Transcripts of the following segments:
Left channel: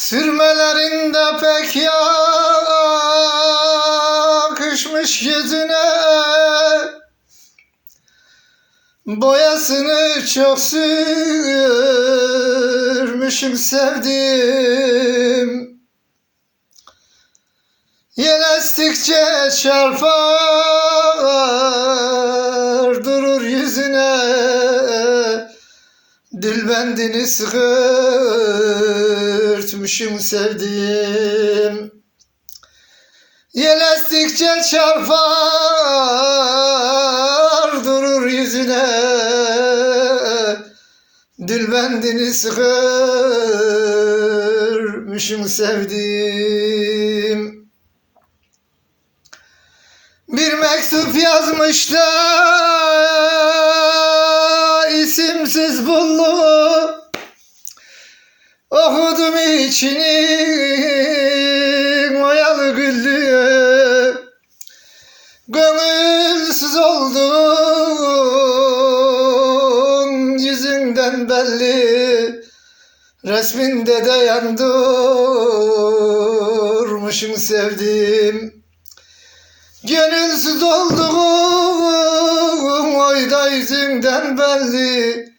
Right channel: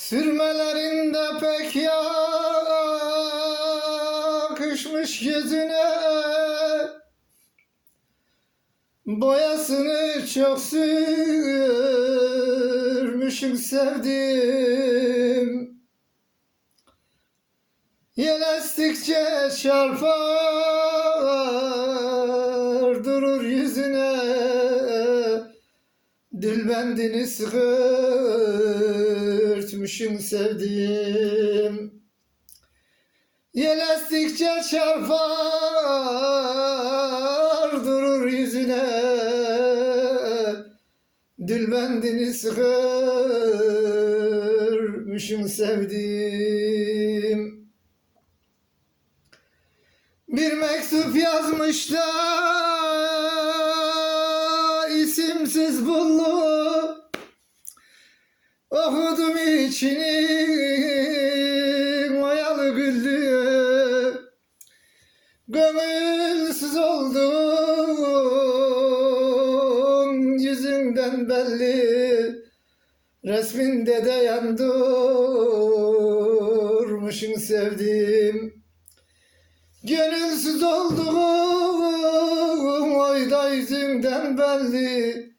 Sürmelerinde pek yakışmış yüzüne. Boyasını çok sürmüşüm sevdim. Yel estikçe çarpar durur yüzüne. Dilbendini sıkırtmışım sevdiğim Yel estikçe çarpar durur yüzüne. Dilbendini sıkırmışım sevdiğim bir mektup yazmışlar isimsiz bullu Okudum içini oyalı güllü Gönülsüz oldun yüzünden belli. Resminde de yandırmışım sevdiğim. Gönülsüz olduğum oyda yüzünden belli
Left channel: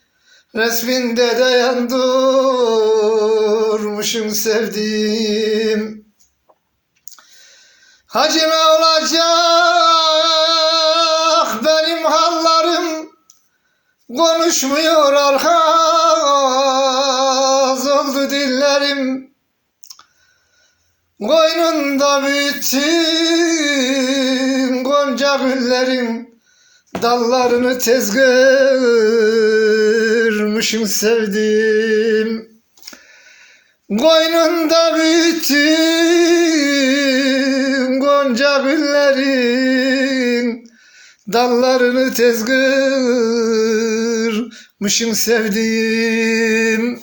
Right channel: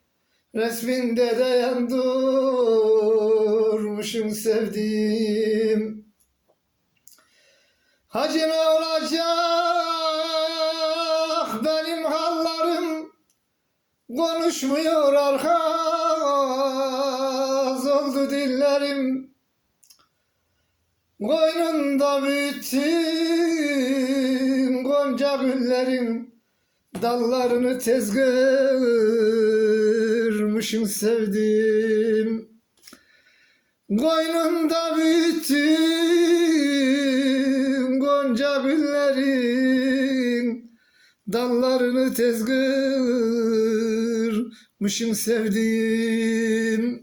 Resminde de yandırmışım sevdiğim. Hacime olacak benim hallarım. Konuşmuyor arkaz oldu dillerim. Koynunda bütün gonca güllerin Dallarını tez görmüşüm sevdim. Koynunda bütün gonca güllerin. Dallarını tez görmüşüm sevdim